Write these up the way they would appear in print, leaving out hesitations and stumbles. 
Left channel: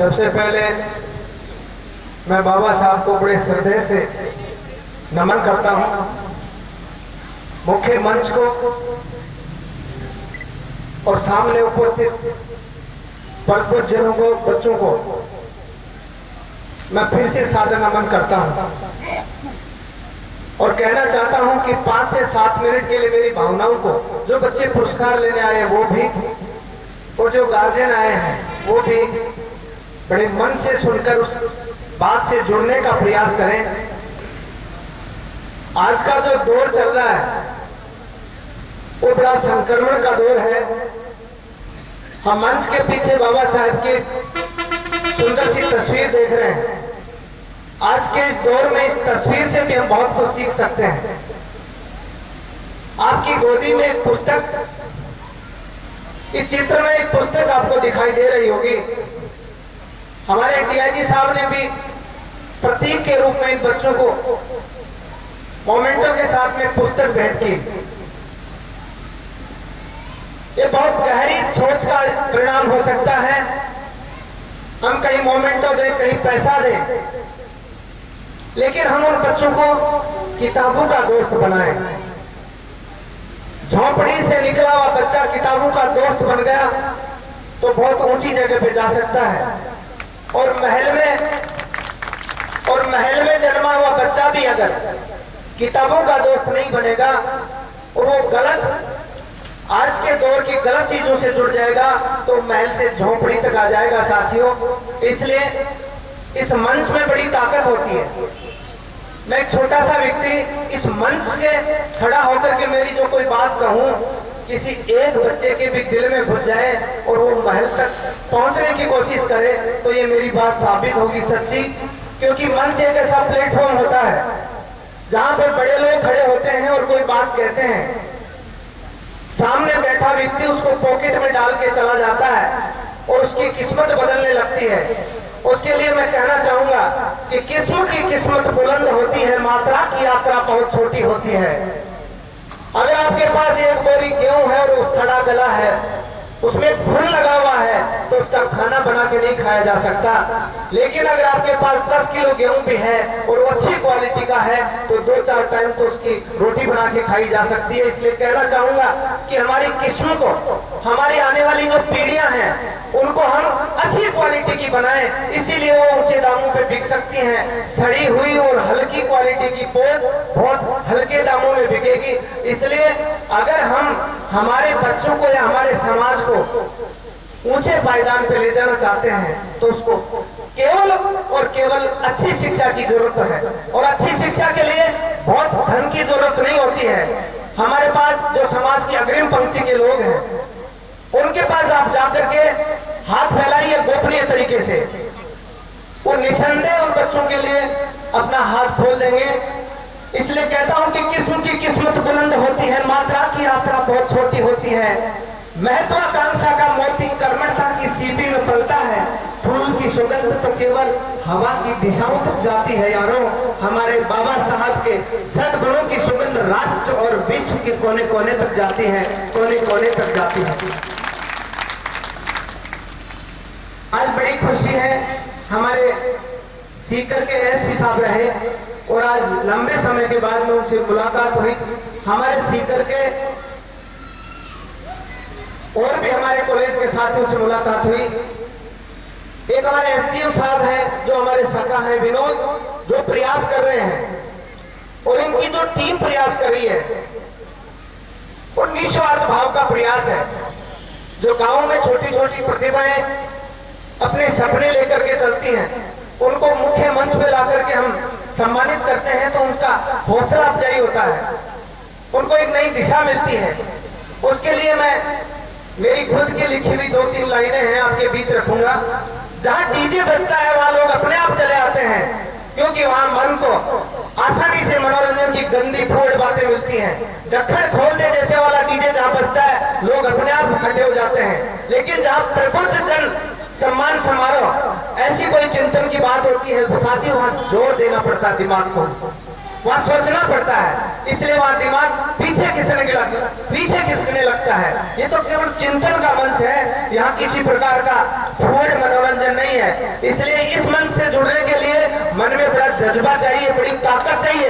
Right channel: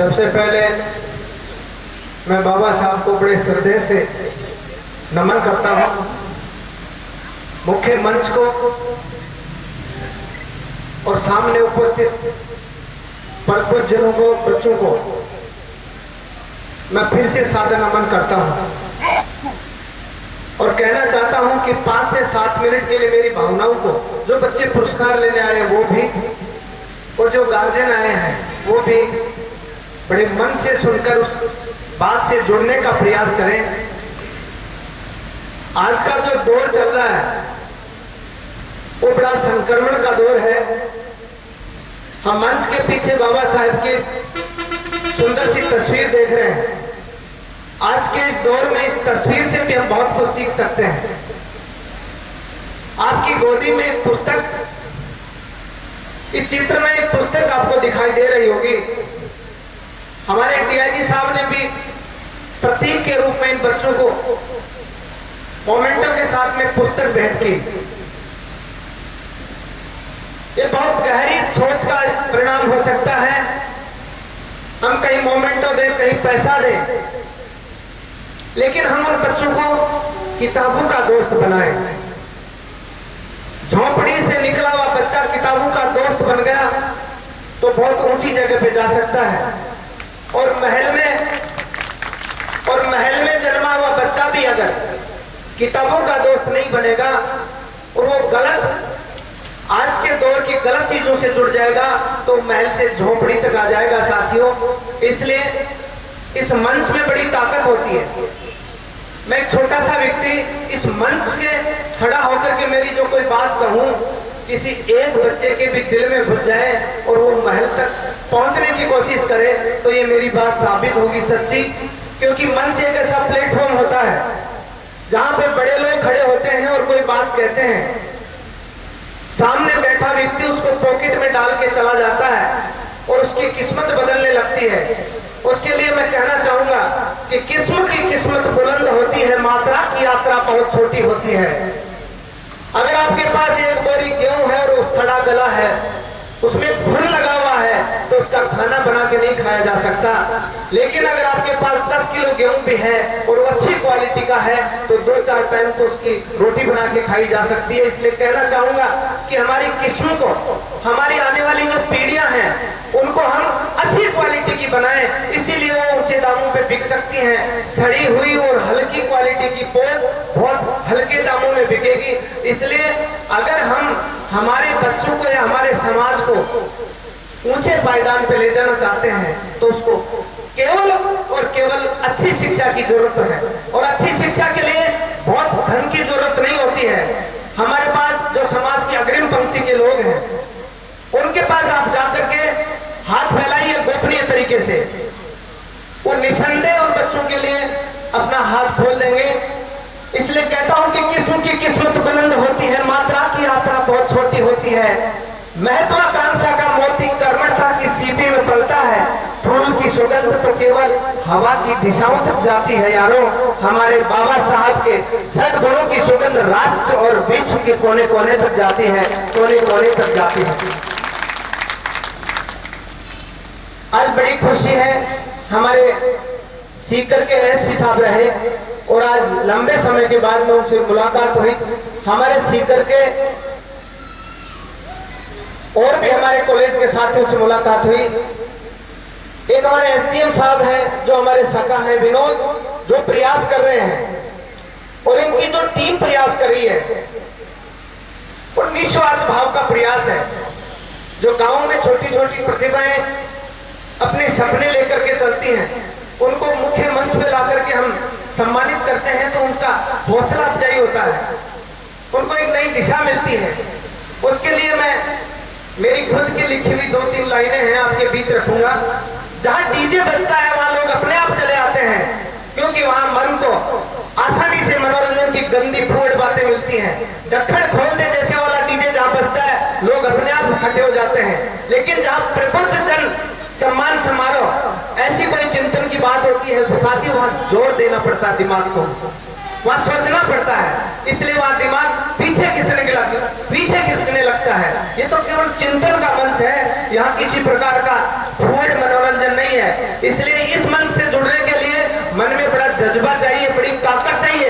सबसे पहले मैं बाबा साहब को बड़े श्रद्धे से नमन करता हूँ। मुख्य मंच को और सामने उपस्थित परमपूज्यजनों को, बच्चों को मैं फिर से सादर नमन करता हूँ और कहना चाहता हूँ कि 5 से 7 मिनट के लिए मेरी भावनाओं को, जो बच्चे पुरस्कार लेने आए वो भी और जो गार्जियन आए हैं वो भी बड़े मन से सुनकर उस बात से जुड़ने का प्रयास करें। आज का जो दौर चल रहा है वो बड़ा संक्रमण का दौर है। हम मंच के पीछे बाबा साहब की सुंदर सी तस्वीर देख रहे हैं। आज के इस दौर में इस तस्वीर से भी हम बहुत कुछ सीख सकते हैं। आपकी गोदी में एक पुस्तक, इस चित्र में एक पुस्तक आपको दिखाई दे रही होगी। हमारे डीआईजी साहब ने भी प्रतीक के रूप में इन बच्चों को मोमेंटो के साथ में पुस्तक भेंट की। ये बहुत गहरी सोच का परिणाम हो सकता है। हम कहीं मोमेंटो दें, कहीं पैसा दें, लेकिन हम उन बच्चों को किताबों का दोस्त बनाएं। झोंपड़ी से निकला हुआ बच्चा किताबों का दोस्त बन गया तो बहुत ऊंची जगह पे जा सकता है। और महल में जन्मा हुआ बच्चा भी अगर किताबों का दोस्त नहीं बनेगा और वो गलत, आज के दौर की गलत चीजों से जुड़ जाएगा तो महल से झोंपड़ी तक आ जाएगा साथियों। इसलिए इस मंच में बड़ी ताकत होती है। मैं एक छोटा सा व्यक्ति इस मंच से खड़ा होकर के मेरी जो कोई बात कहूं, किसी एक बच्चे के भी दिल में घुस जाए और वो महल तक पहुंचने की कोशिश करे तो ये मेरी बात साबित होगी सच्ची। क्योंकि मंच एक ऐसा प्लेटफॉर्म होता है जहां पे बड़े लोग खड़े होते हैं और कोई बात कहते हैं, सामने बैठा व्यक्ति उसको पॉकेट में डाल के चला जाता है और उसकी किस्मत बदलने लगती है। उसके लिए मैं कहना चाहूंगा कि किस्म की किस्मत बुलंद होती है, मात्रा की यात्रा बहुत छोटी होती है। अगर आपके पास एक बोरी गेहूं है और वो सड़ा गला है, उसमें घुन लगा हुआ है, तो उसका खाना बना के नहीं खाया जा सकता। लेकिन अगर आपके पास 10 किलो गेहूं भी है और वो अच्छी क्वालिटी का है तो 2-4 टाइम तो उसकी रोटी बना के खाई जा सकती है। इसलिए कहना चाहूंगा कि हमारी किस्म को, हमारी आने वाली जो पीढ़ियां हैं उनको हम अच्छी क्वालिटी की बनाएं, इसीलिए वो ऊंचे दामों पे बिक सकती हैं। सड़ी हुई और हल्की क्वालिटी की पौध बहुत हल्के दामों में बिकेगी। इसलिए अगर हम हमारे बच्चों को या हमारे समाज को ऊंचे पायदान पे ले जाना चाहते हैं तो उसको केवल और केवल अच्छी शिक्षा की जरूरत है। और अच्छी शिक्षा के लिए बहुत धन की जरूरत नहीं होती है। हमारे पास जो समाज की अग्रिम पंक्ति के लोग हैं उनके पास आप जाकर के हाथ फैलाइए गोपनीय तरीके से, वो निसंदेह उन बच्चों के लिए अपना हाथ खोल देंगे। इसलिए कहता हूं कि किस्म की किस्मत बुलंद होती है, मात्रा की यात्रा बहुत छोटी होती है। महत्वाकांक्षा का मोती कर्मठता की सीपी में पलता है। फूल की सुगंध तो केवल हवा की दिशाओं तक जाती है यारों। हमारे बाबा साहब के सद्गुणों की सुगंध राष्ट्र और विश्व के कोने कोने तक जाती है, कोने कोने तक जाती है। आज बड़ी खुशी है, हमारे सीकर के एसपी साहब रहे और आज लंबे समय के बाद में उनसे मुलाकात हुई। हमारे सीकर के और भी हमारे कॉलेज के साथियों से मुलाकात हुई। एक हमारे एसडीएम साहब हैं जो हमारे सखा हैं विनोद, जो प्रयास कर रहे हैं और इनकी जो टीम प्रयास कर रही है और निस्वार्थ भाव का प्रयास है। जो गांव में छोटी छोटी प्रतिभाएं अपने सपने लेकर के चलती हैं, उनको मुख्य मंच पे ला करके हम सम्मानित करते हैं तो उनका हौसला अफजाई होता है, उनको एक नई दिशा मिलती है। उसके लिए मैं मेरी खुद की लिखी हुई 2-3 लाइनें हैं आपके बीच रखूंगा। जहां डीजे बजता है वहां लोग अपने आप चले आते हैं, क्योंकि वहां मन को आसानी से मनोरंजन की गंदी फूड बातें मिलती हैं। ढक्कन खोल दे जैसे वाला डीजे जहां बजता है लोग अपने आप इकट्ठे हो जाते हैं। लेकिन जहां प्रबुद्ध जन सम्मान समारोह, ऐसी कोई चिंतन की बात होती है साथी, वहां जोर देना पड़ता है दिमाग को, वहां सोचना पड़ता है। इसलिए वहां दिमाग पीछे खिसकने लगता है। ये तो केवल चिंतन का मंच है, यहाँ किसी प्रकार का फूड मनोरंजन नहीं है। इसलिए इस मंच से जुड़ने के लिए मन में बड़ा जज्बा चाहिए, बड़ी ताकत चाहिए।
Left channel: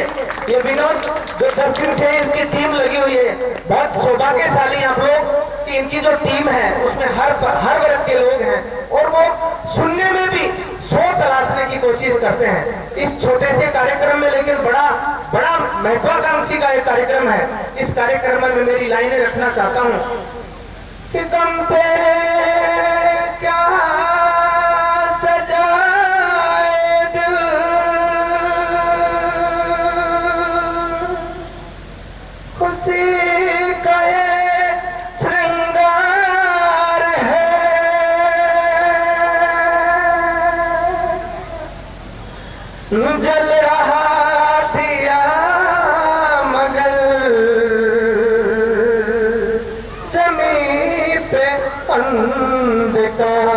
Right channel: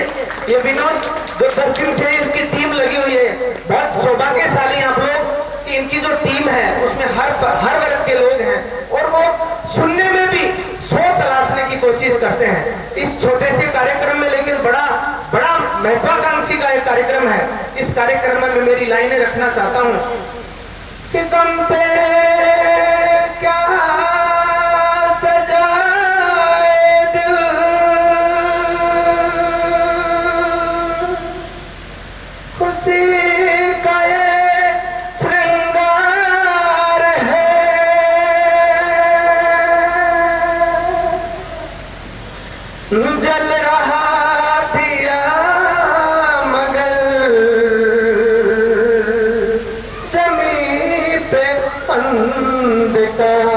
ये विनोद जो 10 दिन से इसकी टीम लगी हुई है, बहुत सौभाग्यशाली आप लोग कि इनकी जो टीम है उसमें हर वर्ग के लोग हैं और वो सुनने में भी 100 तलाशने की कोशिश करते हैं इस छोटे से कार्यक्रम में, लेकिन बड़ा बड़ा महत्वाकांक्षी का एक कार्यक्रम है। इस कार्यक्रम में मैं मेरी लाइनें रखना चाहता हूं कि गम पे क्या सजाए दिल, खुशी का ये श्रृंगार है, जल रहा दिया मगर जमी पे अंधकार,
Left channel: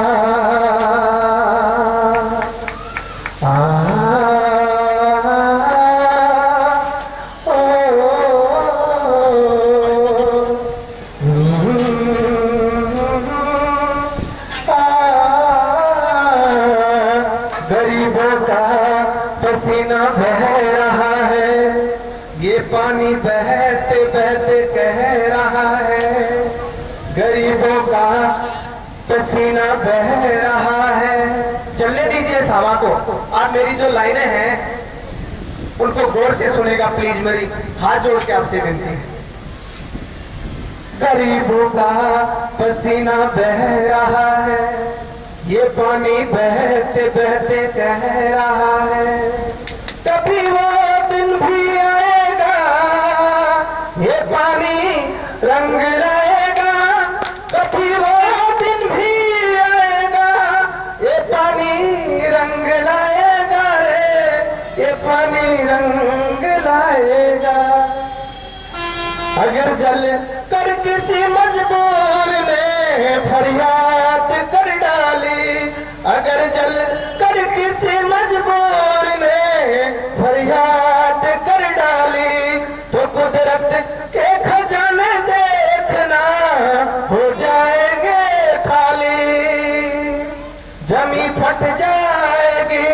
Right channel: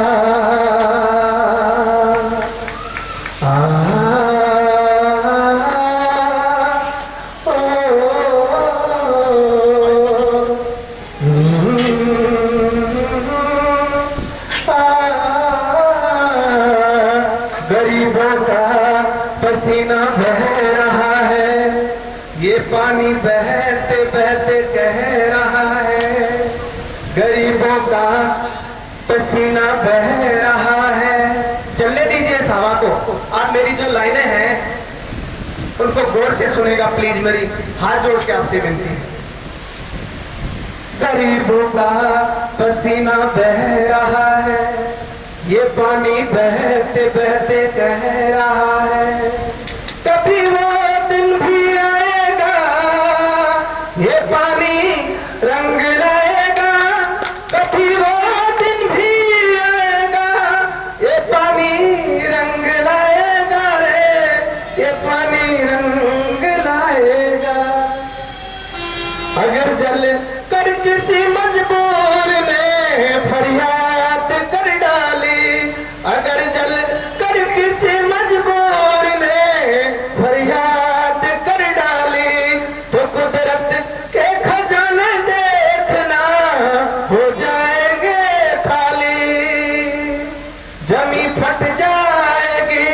गरीबों का पसीना बह रहा है, ये पानी बहते बहते कह रहा है, गरीबों का पसीना बह रहा है। चलने दीजिए इस हवा को। आप मेरी जो लाइनें हैं उनको गौर से सुनेगा प्लीज, मेरी हाथ जोड़ के आपसे विनती है। गरीबों का पसीना बह रहा है, ये पानी बहते बहते कह रहा है, कभी वो दिन भी आएगा, ये पानी रंग लाएगा, कभी वो दिन भी आएगा, ये पानी रंग लाएगा रे, ये पानी रंग लाएगा। अगर जल कर किसी मजबूर ने फरियाद कर डाली, अगर जल कर किसी मजबूर ने फरियाद कर डाली, तो कुदरत के खजाने देखना हो जाएंगे खाली, जमी फट जाएगी,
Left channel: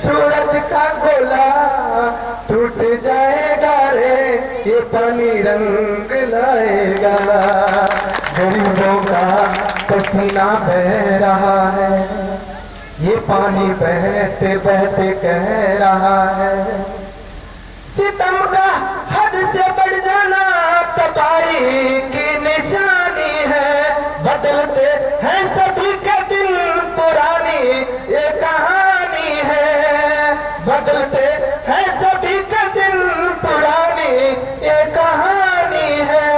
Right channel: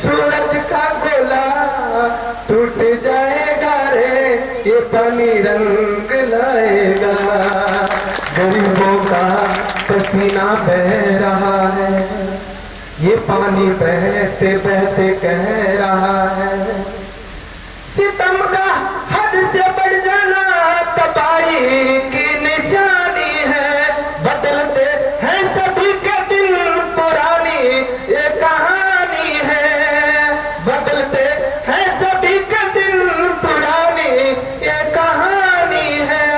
सूरज का गोला टूट जाएगा रे, ये पानी रंग लाएगा। गरीबों का पसीना बह रहा है, ये पानी बहते बहते कह रहा है, सितम का हद से बढ़ जाना तबाही की निशानी है, बदलते हैं सभी के दिन पुरानी ये कहानी है, बदलते हैं सभी के दिन पुरानी ये कहानी है,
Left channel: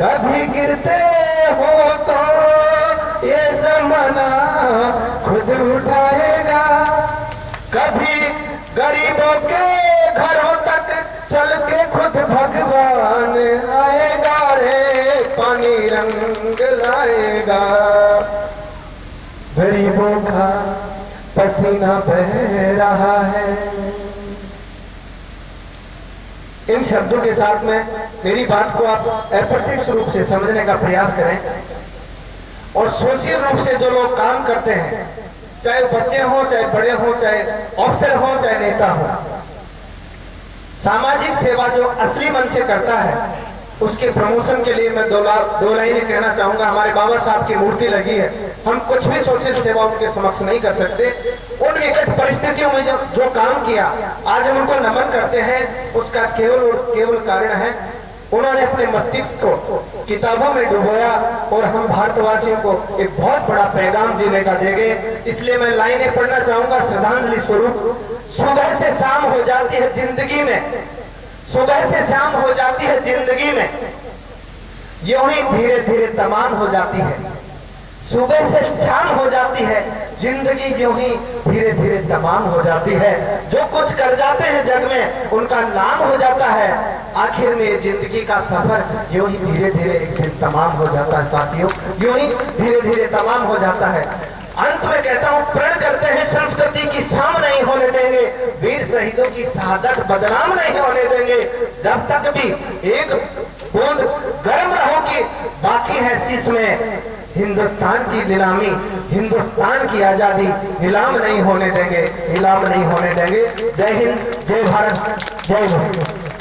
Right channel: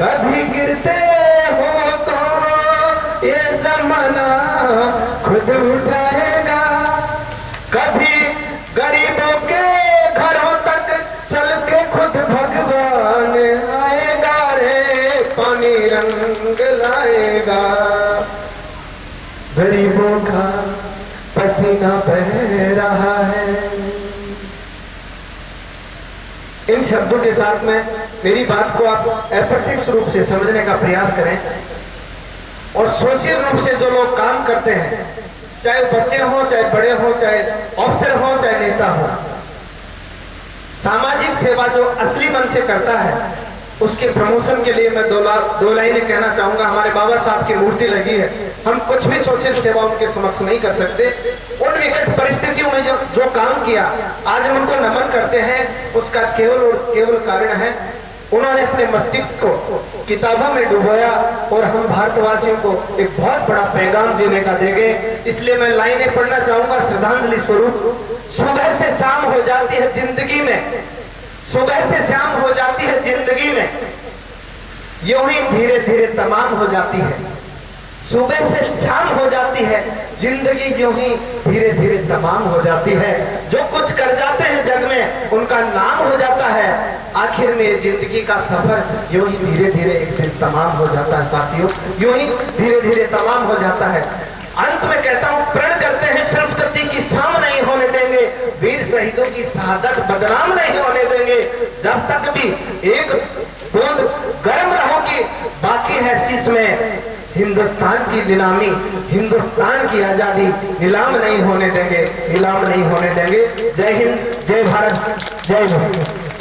कभी गिरते हो तो ये जमाना खुद उठाएगा, कभी गरीबों के घरों तक चल के खुद भगवान आएगा रे, पानी रंग लाएगा। गरीबों का पसीना बह रहा है। इन शब्दों के साथ में मेरी बात को आप अप्रत्यक्ष रूप से समझने का प्रयास करें और सोशल रूप से जो लोग काम करते हैं, चाहे बच्चे हों, चाहे बड़े हों, चाहे अफसर हों, चाहे नेता हों, सामाजिक सेवा जो असली मन से करता है उसके प्रमोशन के लिए मैं दो लाइनें कहना चाहूंगा। हमारे बाबा साहब की मूर्ति लगी है, हम कुछ भी सोशल सेवा उनके समक्ष नहीं कर सकते। उन विकट परिस्थितियों में जो काम किया आज हम उनको नमन करते हैं, उसका केवल और केवल कारण है उन्होंने अपने मस्तिष्क को किताबों में डुबोया और हम भारतवासियों को एक बहुत बड़ा पैगाम जीने का देंगे। इसलिए मैं लाइनें पढ़ना चाहूंगा श्रद्धांजलि स्वरूप। सुबह से शाम हो जाती है जिंदगी में, सुबह से शाम हो जाती है जिंदगी में, यूं ही धीरे धीरे तमाम हो जाती है। सुबह से शाम हो जाती है जिंदगी, यूं ही धीरे धीरे तमाम हो जाती है। जो कुछ कर जाते हैं जग में उनका नाम हो जाता है। आखिर में जिंदगी का सफर यूं ही धीरे धीरे एक दिन तमाम हो जाता है साथियों, यूं ही धीरे धीरे तमाम हो जाता है। अंत में कहता हूं, प्रण करते हैं संस्कृति की शाम नहीं होने देंगे, वीर शहीदों की शहादत बदनाम नहीं होने देंगे। जब तक भी एक बूंद गर्म रहो कि बाकी है शीश में, हिंदुस्तान की नीलामी, हिंदुस्तान की आजादी नीलाम नहीं होने देंगे, नीलाम नहीं होने देंगे। जय हिंद, जय भारत, जय भारत।